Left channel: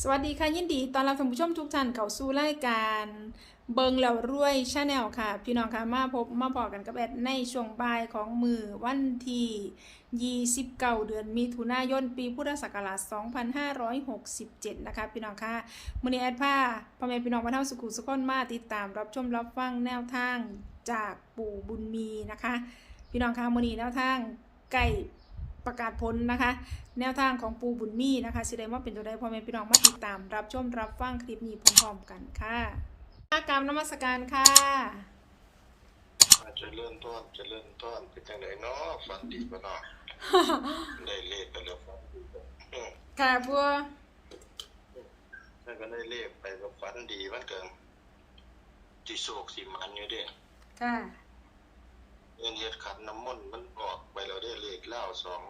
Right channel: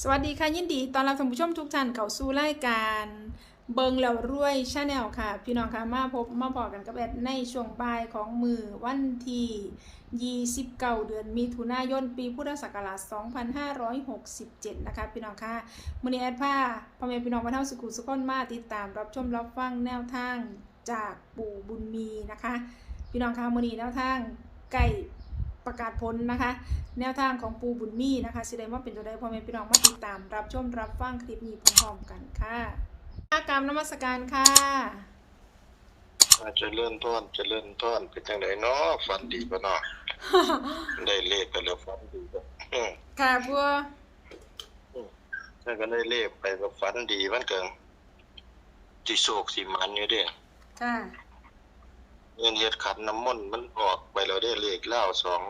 สวัสดีค่ะ ยินดีตอนรับท่านผู้ชมทุกท่านเข้าสู่รายการเบิงแล้วรวยชาแนลค่ะ พี่น้องค่ะมาพบมาบอกกันกับแอดในช่วงบ่ายของมือวันที่29 เดือนมิถุนายนปีพุทธศักราช 2567 นะคะ พี่น้องค่ะมือนี้แอดพาพ่อแม่พี่น้องมาเท่าสุขุสุขนมาติดตามรับชมรับฟังแนวทางจากปู่บุญมีนะคะ พี่น้องค่ะมือนี้แนวทางใกล้ ประกาศผลนะคะ แนวทางของปูบุญมีนะคะแสดงว่าเป็นตัวใดพ่อแม่พี่น้องมาติดตาม รับชมรับฟังคลิปนี้พร้อมๆกันค่ะกรรมนมัสการค่ะเจะเลื่อนต้นเจะเลื่อนต้นเป็นจังไดเนาะฝันดีบ่เนาะได้เลขไปแล้วฝันดีบ่อืมค่ะบัวถ้าก็ได้เลขไปก็ฝันดีมันก็สิโศกสิมันอยู่เด้ค่ะ เงินเฮ็ดขันน้ำมนต์มันออกไปแล้วได้เลขเล่าสอง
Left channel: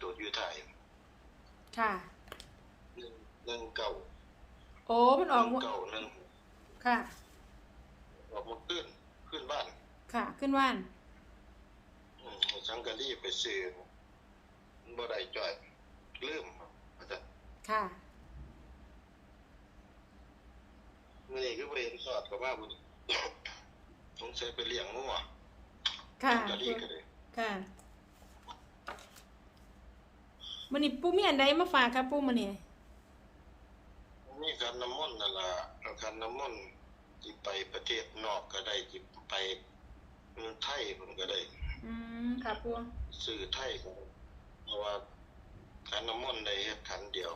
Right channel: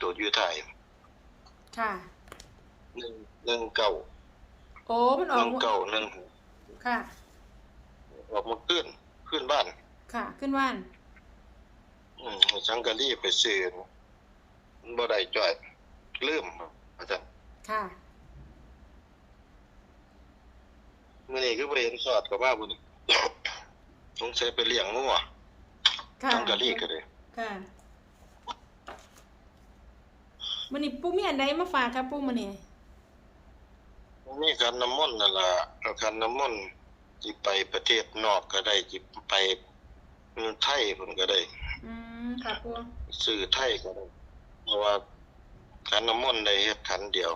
ตัวอยู่ไทยค่ะหนึ่งหนึ่งเก้าโอ้มันหออกนึ่งเก้าหนึ่งค่ะ ออกมาขึ้นขึ้นบ้าน ค่ะ ขึ้นว่านอืมสังกะรีไปซื้อมันบ่ได้จ่อยลืมอาจารย์ค่ะมื่อนี้ก็ไปเห็นสอดกับว่าบุญ สงสัยไปเลี้ยงงัวค่ะทำกะลีก็เลยค่ะมันนี่ปูมีอันใดมาฝากครับปูมันนี่นี่การน้ำมนต์นั่นล่ะเอาการน้ำมนต์จิไปประเทศนอกก็ได้จิไปไทยผมก็ได้ อืมค่ะปูซื้อไทยก็ได้เพราะว่าการน้ำมนต์ได้เฮ็ดขันเดียว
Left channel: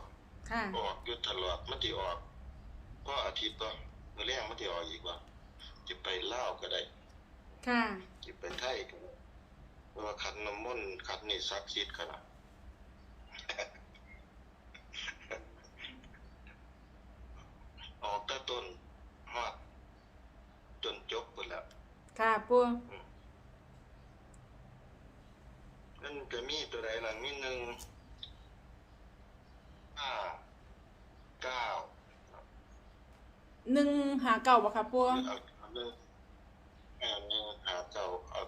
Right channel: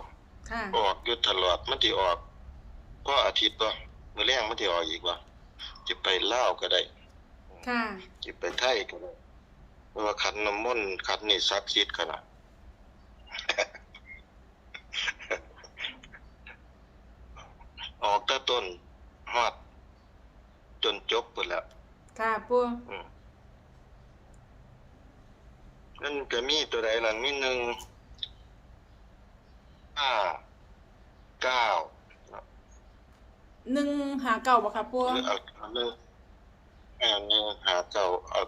ค่ะ ออกอยู่ตลอดมันสิออกก็อาทิตย์บ่มื้อแรงมันสิออกอีกว่า จิไปลาวก็ได้ค่ะจิไปไทยก็ได้เพราะว่าขันน้ำมนต์ขันนี่ศักดิ์สิทธิ์ขนาด ออกแต่ต้นฮอดจนจบหมดแล้ว ค่ะปูอืมนั่นก็มีตัวใดล่ะมีหนึ่งห้าเก้าหนึ่งหาเก่าบ่ครับปูหรือเอาเอา หนึ่งเอาหนึ่งหาเก้าเอา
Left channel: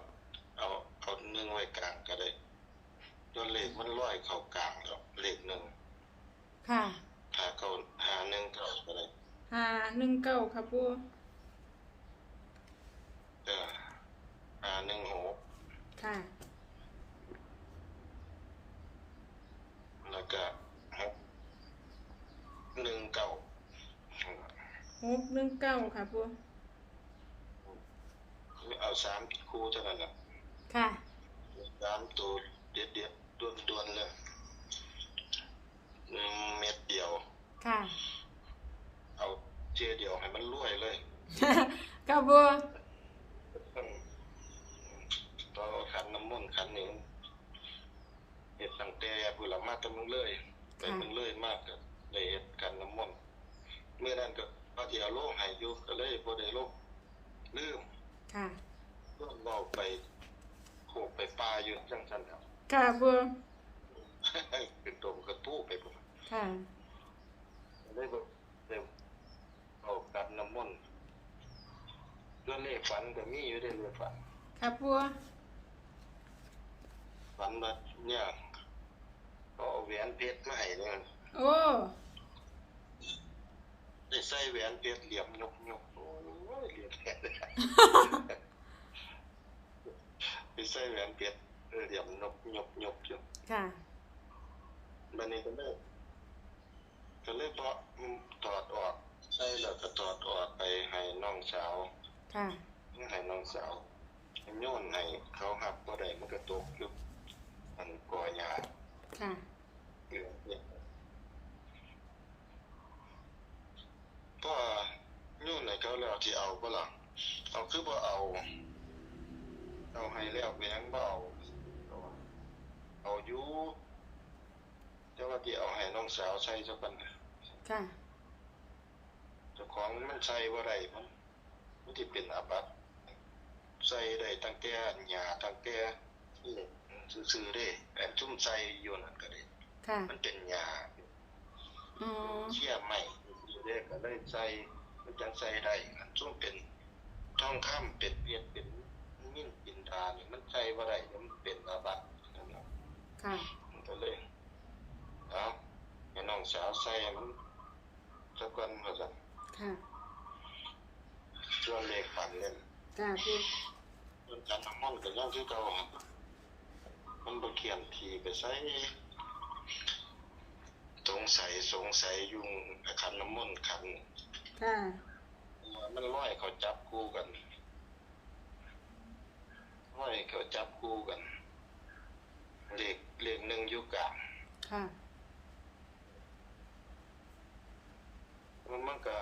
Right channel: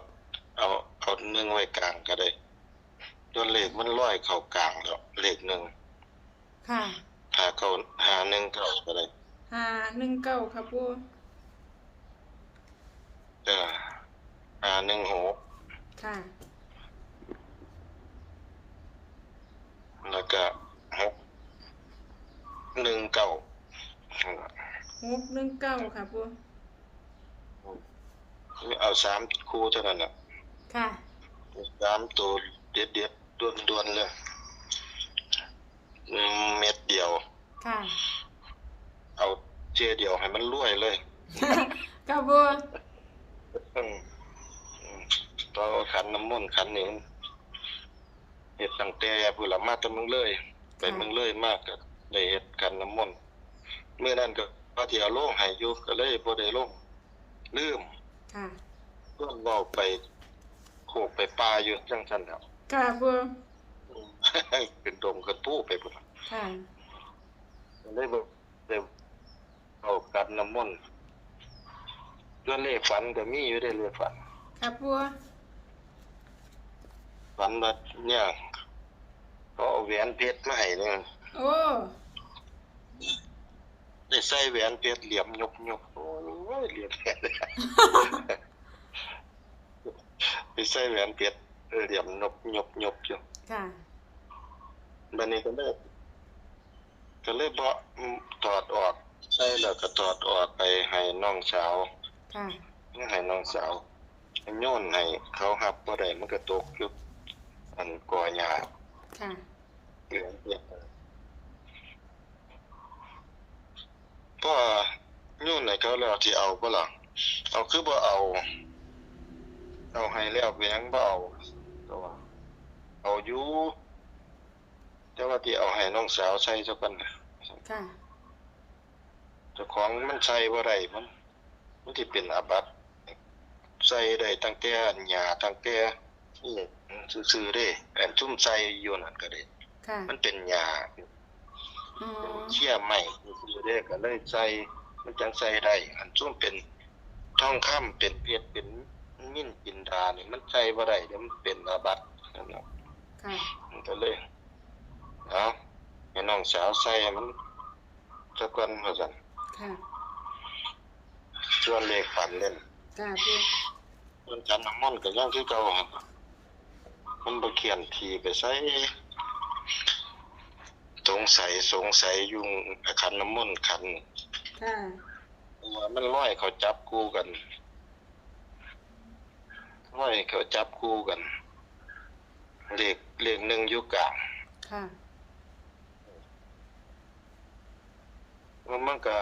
เอาเอาหนึ่งไว้กลางก็ได้ตัวเลขมันร้อยเข้ากลางแล้วเลขหนึ่งค่ะหาเก้าหาหนึ่งเก้าก็ได้หาหนึ่งเก้าครับปูเออหาหนึ่งหกค่ะ แล้วก็หกหนึ่งเก้าหกหนึ่งเก้าค่ะปู เอาสามคู่เท่านั้นน่ะค่ะ สามตัวเด็ดเด็ดดวนดวนๆเลยอืมเม็ดเดียว ค่ะ เอาเจเดียวให้มันรวยเลยครับบัวอืมต่อขันน้ำมนต์ขันหนึ่งเห็ดตั้งแต่พุ่นละมาแต่มึงเลยไปมึงเลยมากก็ได้เห็ดขันน้ำมนต์เมื่อนั้นก็ว่าที่เอาลงให้อยู่ก็เลยบ่ได้ลงลืม ค่ะเพื่อนบอกไปโขกไปปลาอยู่จังซั่นแล้วค่ะบัวเป็นดมกระทู้ไปพุ่นค่ะได้บอกได้เอากับน้ำมนต์ตัวเลขฝันก็มีอยู่ได้เลขฝันครับบัวฝันว่าเนี่ยเขาเอาแหวนเพชรมาให้เนี่ยโอ้ ได้ใส่แหวนเพชรเหลี่ยมยกยกโอ้ยเหลี่ยมแค่ไปใส่แหวนเพชรเออเหลี่ยมนกยกยกอยู่ค่ะบันนี้ก็เลยก็เลยบ่อืมถอดออกใส่แล้วก็ถอดออกไปให้น้องสาวค่ะให้น้องสาวโยนให้เขาหับบ่ได้มันก็ตกอยู่อันก่อหญ้าค่ะ เหลืองเนี่ย พ่อโยนให้เขาแล้วที่เอาบ่ล่ะเอาคือบ่เอา เอาให้แล้วเป็นหยังบ่เอาแต่ว่าเอาอยู่แต่ว่าที่เอาให้น้องสาวใส่ซะก่อนนะค่ะเจ้าของมันใส่บ่ได้มันมันสิเป็นอาบัติใส่ได้ตั้งแต่หญ้าตั้งแต่นี่ซื่อๆเด้อันซุ่มใส่อยู่นั่นก็ได้ค่ะ มันเป็นหญ้าอ๋อเชี่ยใหม่ ซื่อๆเด้ก็เลยใส่มันจังใส่ได้อันซุ่มเป็นทองคำเป็นเพชรเป็นมิ้นจินดานี่มันใส่บ่ได้เดี๋ยวมันเป็นอาบัตินั่นน่ะค่ะมันก็เลยเอาให้น้องสาวใส่ให้มันสักวันว่าซั่นค่ะส่วนเลขฝันเล่นค่ะปูมันจันน้ำมันต์ก็ยังคือเก่าหั่นมันบ่เขียนทีไปใส่ สงสัยสงสัยยุงขันน้ำมนต์ขันค่ะว่ามันร้อยเขาจับคู่กันร้อยเขาจับคู่กันเลขเลขหนึ่งอยู่กลางค่ะแล้วมันก็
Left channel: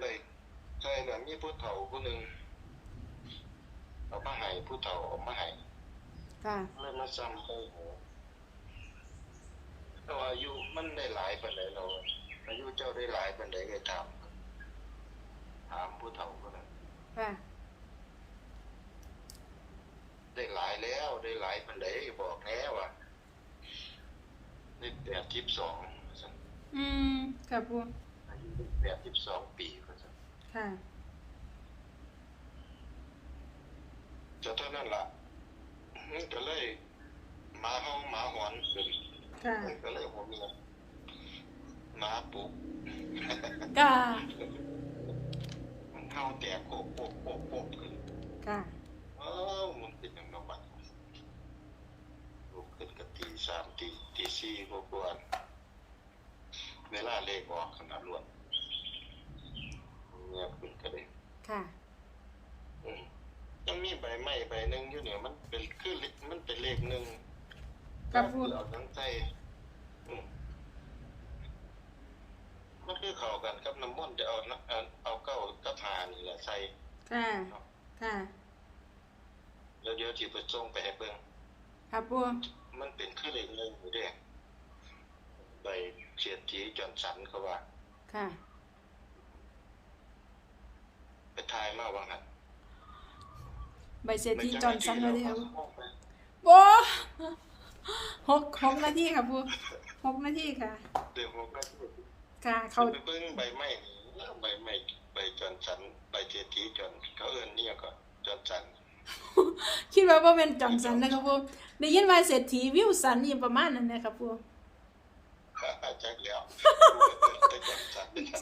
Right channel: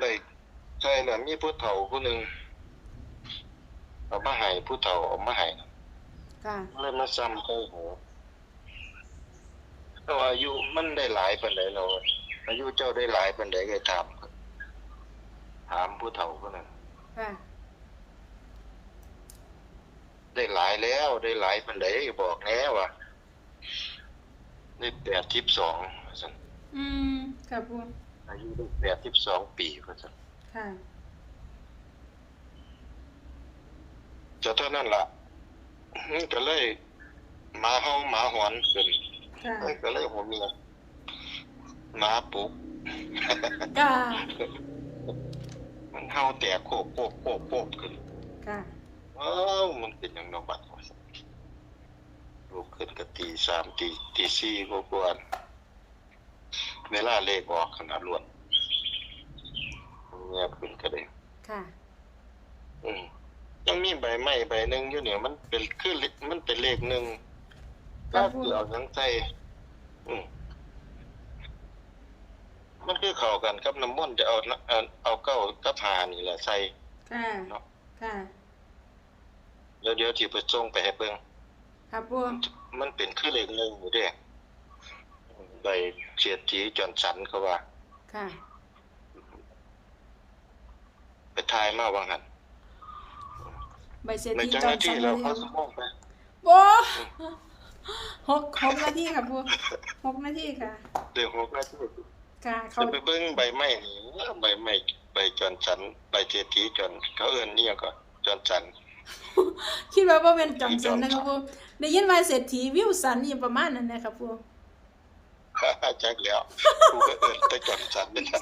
ได้ใช่น่ะมีผู้เฒ่าผู้หนึ่งเอามาให้ผู้เฒ่าเอามาให้ค่ะเลยมาซ้ำเข้าหัว แต่ว่าอายุมันได้หลายปานใดเราะอายุเจ้าได้หลายปานใดก็ถามถามผู้เฒ่าคนนั้นค่ะ ได้หลายแล้วได้หลายปันไดบอกแน่ว่าได้แปดสิบสองสันอืม ค่ะปูอายุได้แปดสิบสองปีว่าสันค่ะ จะเท่านั้นล่ะมันก็เลยหมาเฮาหมาหอนขึ้น ค่ะมันก็เลยหัวเมียหมาปลุกค่ะ มันเฮาแตกโคกโคกโคกโคกขึ้นค่ะอ้าวมันเป็นอย่างนอบัดว่าซั่นลุกขึ้นก็ตีสามตีตีสี่กว่าๆเวลาเลขออกขนาดรวดเมียขึ้นก็เลยค่ะ อืมยังมีใบไม้ใบหนึ่งอยู่เนี่ยมันเป็นคือเลมันเป็นเลขหนึ่ง ครัก็บผมเอาหยังใจอืมมันคือเข้ากันกับน้ำมนต์จะเอานะเอาเอาเก้ากับหานี่แหละใส่ ค่ะค่ะเดี๋ยวเดี๋ยวที่ไปส่งไปให้เบิ่งค่ะปูมันเป็นคือเลขหนึ่งอยู่เด้ใบเฉียดจีจอนสันเขาว่า ค่ะ ไปทายมาว่างั้นใบเศรษในฐีจังจหอวะนสัที่นเราเลยเอาครับสมองไปโอ้ หกหกนาทีค่ะปูหกนาทีค่ะ เดี๋ยวผมก็จะค่ะเขาไปเบิ่งใบไม้นี่ใบไม้ใบจอนสันใบเฉียดจีจอนเขาเอิ้นนี่ก็จอนสันคิดว่าบ่เป็นจอนสันนะครับปูได้ยินว่าเศรษฐีวิวสันนี่ประมาณนั้นนะครับปูจักแล้วกูก็เอิ้นแต่จอนสันนี่นะ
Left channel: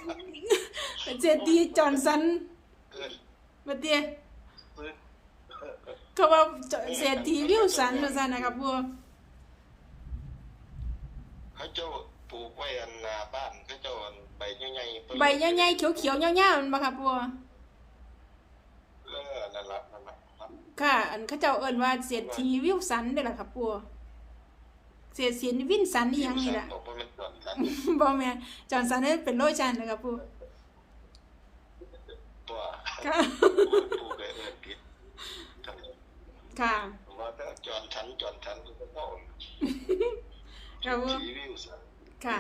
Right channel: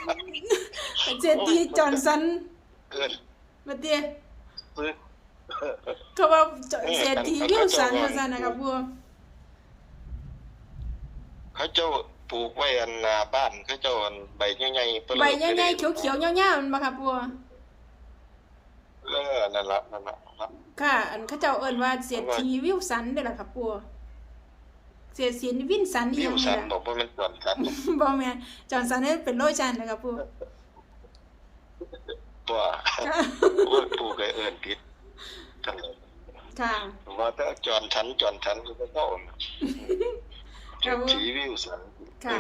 เศรษฐีจอนสันเอิ้นบัดเดียซื้อเขาว่าเศรษฐีวิวสันว่าซั่นนะครับปู เขาเจ้าปลูกไว้อันหน้าบ้านเขาเจ้าอันใบใหญ่ๆเปิ้นใบใหญ่ๆเขียวๆยาวๆมันบ่ครับปูเออนั่นล่ะนั่นล่ะครับค่ะ อันเขาเจ้าเอิ้นว่าเศรษฐีวิวสันเด้อล่ะครับปูเศรษฐีวินสันนี่พิยัมงพ์นี่สันล่ะบอกว่ามันก่อนกันบ่แม่นจอนสันนี่เป็นโลชันนะครับปูตัวค่ะปลูกไอ้เอิ้นผิดกันค่ะว่าแต่จอนฉันจอนฉันคือเจ้า ครับผมสีวิวสันค่ะ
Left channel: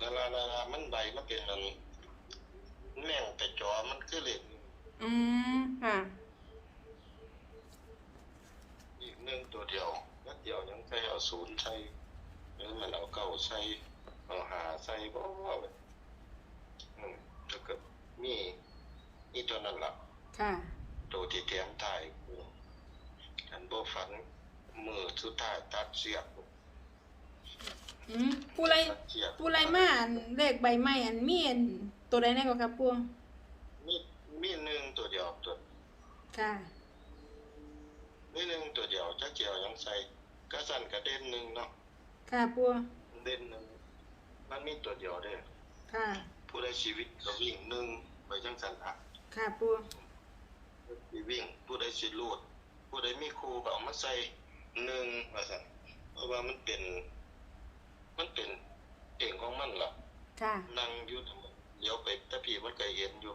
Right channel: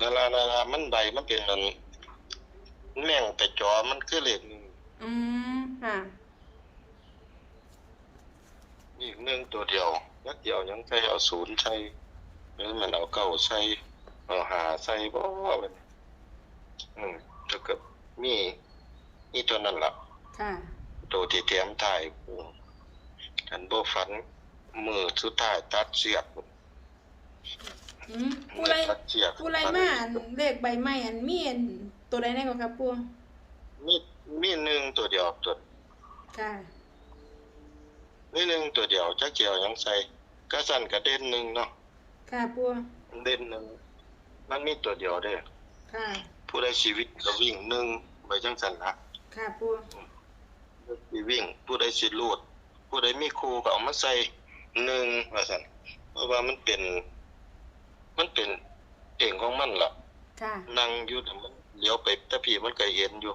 นั่นล่ะนั่นล่ะมันใบมันเป็นอันแม่งไปจอมันคือเลขหนึ่งอืมค่ะอีกหนึ่งตัวเดียวนัดเดียวยังใช้เอาศูนย์ใช้หรือมันเอาเก้าใช้เอาหาใช้บ่เลยอืมถ้าเกิดมีนี่ตัวนั้นล่ะค่ะตัวที่เตรียมถ่ายกูอันบ่ฝันมือสุดท้ายตัดเสียก อืมผู้ไรตัดเสียกผู้ไรมาอันเลขใบไม้อันมีอันตัวใดแน่กว่าครับปูมีมีหนึ่งตัวเดียวตัวค่ะ มีหนึ่งตัวเดียวจักเจียวยังใส่กระสั่นกระเด็นหนึ่งเนาะค่ะปูเด่นหนึ่งมันมีตัวเดียวเด้อค่ะผู้ใดชีวิตก็วิ่งหนึ่งไปจังสันละค่ะปูสิวิ่ง ผู้ใดสิลูดผู้ใดมีครูก็เอามาใส่หนึ่งว่าซั่นเพราะว่ามันเป็น มันเป็นเองของมันล่ะค่ะนั่งอยู่แต่มันเลี้ยวไปแต่พี่มันก็เห็นอยู่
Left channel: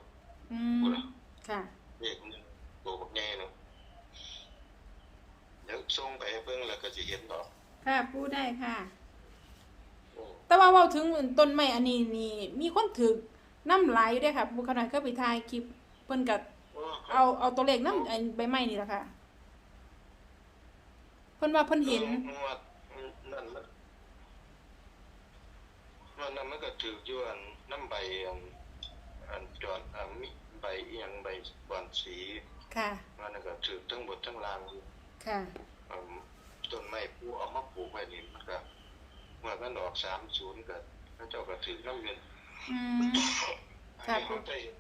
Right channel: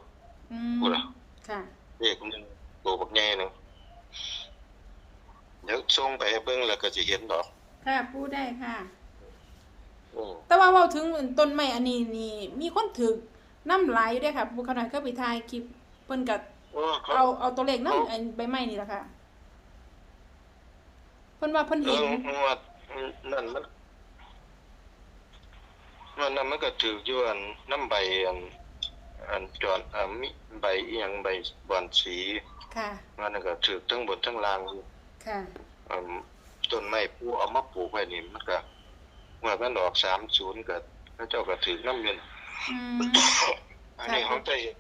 อืพูมดล่ะค่ะ เด็กหนึงตัวบักใหญ่หนึงเดี๋ยวส่งไปให้เบิ่งแล้วก็สิเห็นดอกค่ะปูได้ค่ะ อืมแต่ว่าเว้าถึงต้นไม้อันนี้นี่มีคนถึกน้ำหลายอยู่เด้อค่ะปูขนาดก็ไปถ่ายคลิปเพิ่นก็โอ้เขาเอาเอาตัวเลขนำอันใบไม้นี่ล่ะค่ะเพิ่นว่าเพิ่นเห็นอืมว่านั่นมัน มันนั่นมันก็ถืออยู่อันน้ำใบอันอันจอนอ่ามีใบอีหยังใบบอนสีค่ะมันนนก็ถือทั้งบนทั้งล่างค่ะอืมต้นไม้ผู้เอามาปลูกไว้นี่มันก็ว่ามันออกสามศูนย์ก็พระเจ้าก็ถือน้ำเงินอืมอันนี้เขาจะเห็น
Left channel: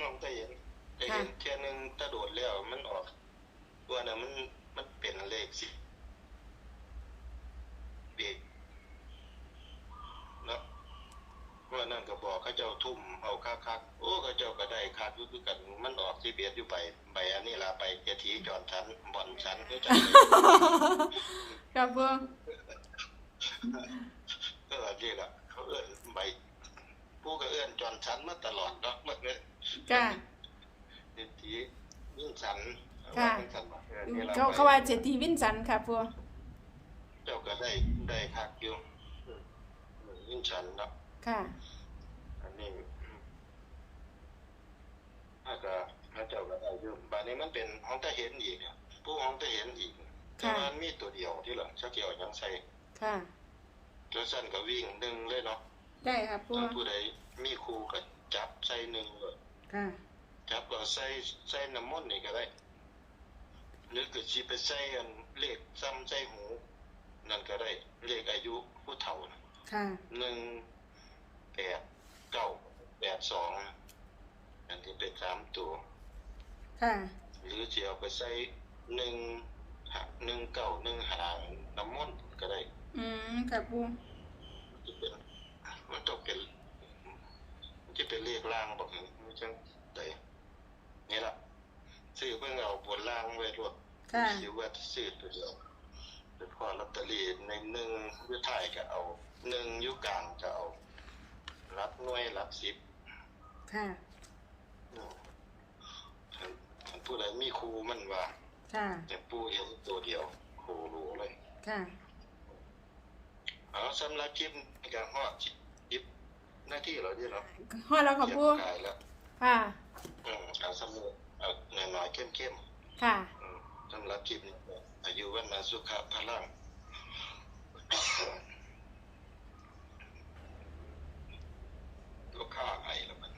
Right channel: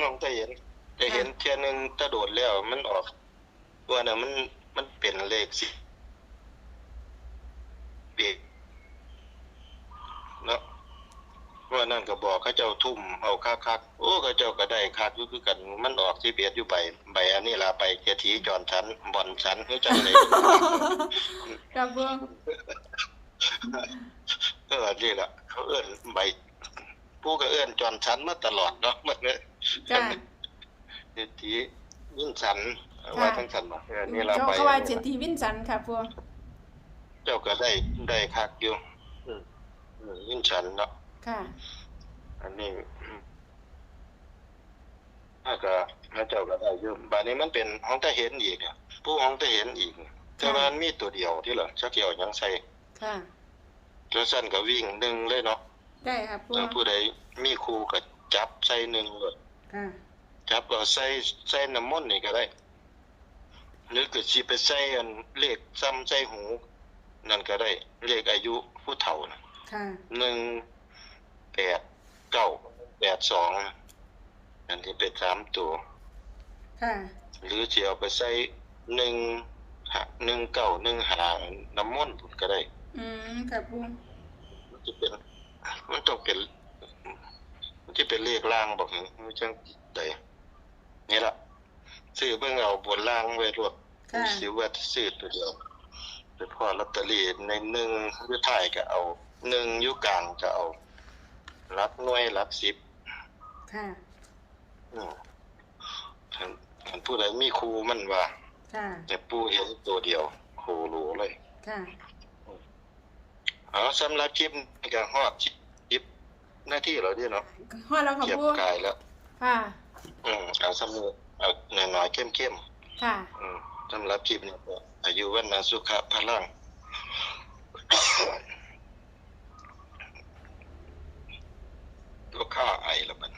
เขาจะเห็นจะเห็นเทียหนึงตะโดดแล้วมันออกตัวน่ะมันมันเป็นเลขสิปีกเนาะ ว่านั่นก็บอกเขาเจ้าทุ่มเอาคักคักๆโอ้เขาเจ้าก็ได้คักอยู่คือกันมันออกที่เบียดอยู่ไปใบอันนี้ลาไปเกียรติจอนชั้นบอนชั้นเขาเจ้าเลยครับปูเออนี่แหละเขาเอื้อนใบผู้ก็เอื้อนจอนชั้นมาตลอดเนาะมันเนี่ยจ้าเศรษฐียิ่งสันค่ะว่าทั้งสันมาเออนี่เราเขาไปเขาว่าเศรษฐีวินสันค่ะปูเจ้าก็ได้ได้คักอยู่อืมอืมยิ่งสันเนาะ ค่ะ อันนี้อืมถ้าก็พระเจ้าก็ได้อยู่บานนี้มันเป็นห้องตาเห็นอีกอะผู้ห้องตาเห็นอีกแต่ว่ามันมีตัวเดียวที่เหรอชักเกี่ยวยังใส่ค่ะแล้วสั้นก็วิ่งหนึ่งเลยเนาะได้ค่ะปูถ้าผู้ใดมีครูก็จับใส่หนึ่งเลยค่ะจับก็ใส่ใส่น้ำมนต์นี่ก็ได้หรือก็สิไปใส่อันเลขซ้ำใส่หู นั่นก็ได้เลขอายุผู้เฒ่านะค่ะหนึ่ง แปดเก้าแปดสองอันที่เป็นสามตัว ค่ะ หรือจะเอาไปใส่หนึ่งหาหนึ่งเก้าหนึ่งหางน้ำมนต์ก็ได้ อืมค่ะปูมันจะเป็นมันต้องเป็นมันจะเป็นเลขล่างบอกนี่มันจังใดนี่ล่ะซื้อเบิ่งเอาบนล่างไว้รวดค่ะสิว่าซื้อตัวเดียวไปพอลอตเตอรี่ในหนึ่งอยู่ท้ายก็เอาหนึ่งอยู่กลางก็เอา รับหน่วยรับสิบค่ะอืมท่านท่านผู้ใดมีครูมันว่า ค่ะ แต่ปูเห็นตัวเดียวครูรู้เลย ค่ะเอาสำหรับคลิปนี้ก็ฮอดคลิปหน้าที่เราดีเนาะฮอดแล้วค่ะเก็บปูกายแล้วค่ะอืมเอาสำหรับเอาหน่อยๆเข้มค่ะๆอืมสำหรับคลิปนี้ก็อายุวันนาสุขะพลัง ตัวข้าไอแล้วมัน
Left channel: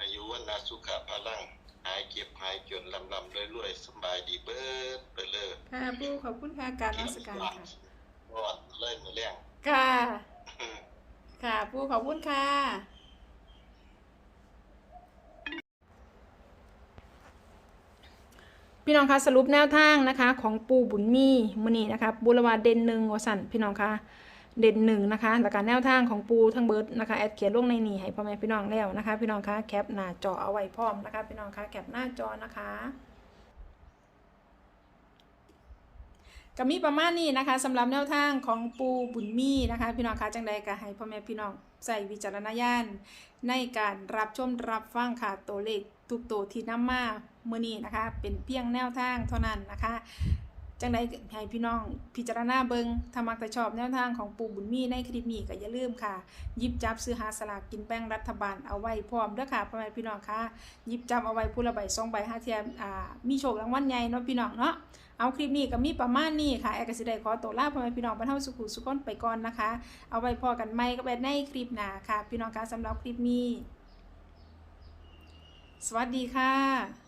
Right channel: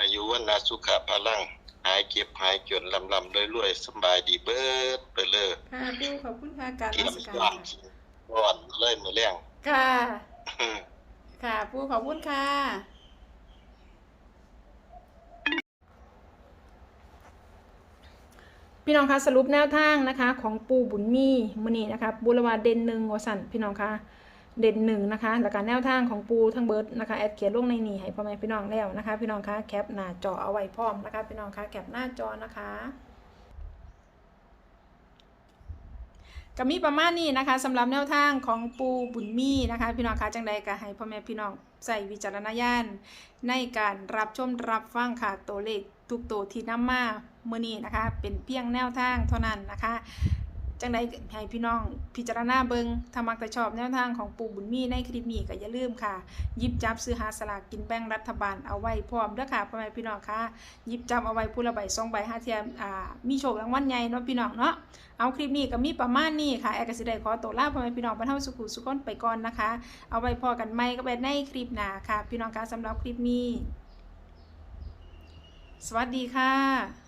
อายุวันนาสุขะพลัง หายเก็บหายจนลำลำรวยๆสำบายดีเบิดไปเลยค่ะปูขอบคุณค่ะการราชการหวานค่ะร้อนเลยมือแรงค่ะอืมค่ะปูขอบคุณค่ะพี่น้องคะสรุปแนวทางนะคะ ของปูบุญมีมือนี้นะคะบุรวาเด่นหนึ่งวสันพี่น้องคะ เด่นหนึ่งนะคะแล้วก็แนวทางของปูทั้งเบิร์ดนะคะแอดเขียนลงในนี้ให้พ่อแม่พี่น้องแล้วนะคะ พี่น้องคะแคปหน้าจอเอาไว้พร้อมนะคะพี่น้องคะแคปหน้าจอนะคะก็มีประมาณนี้นะคะสำหรับแนวทางของปูบุญมีนะคะ พี่น้องคะจังใดก็ให้พ่อแม่พี่น้องใส่วิจารณญาณในการรับชมรับฟังค่ะตัวเลขทุกตัวที่นำมาเมื่อนี้นะคะ เป็นเพียงแนวทางเท่านั้นนะคะ จังใดให้พี่น้องพิจารณาเบิงถ้ามักแต่ชอบแนวทางของปู่บุญมีในคลิปนี้ก็อย่าลืมค่ะยิบจับซื้อหาสลากกินแบ่งรัฐบาลเอาไว้พร้อมเด้อค่ะพ่อแม่พี่น้องค่ะยิบจับเอาไว้ผู้ละใบสองใบห้าเทียมอ่ามีโชครางวัลใหญ่เนาะพี่น้องเนาะเอาคลิปนี้ก็มีประมาณนี้ค่ะแอร์กสิได้ขอตัวลาพ่อแม่พี่น้องบรรเทาสุขุสุขนไปก่อนนะคะ เอาไว้พอกันไหมก็ไปในคลิปหน้าค่ะ พี่น้องคะสำหรับคลิปนี้ สวัสดีค่ะ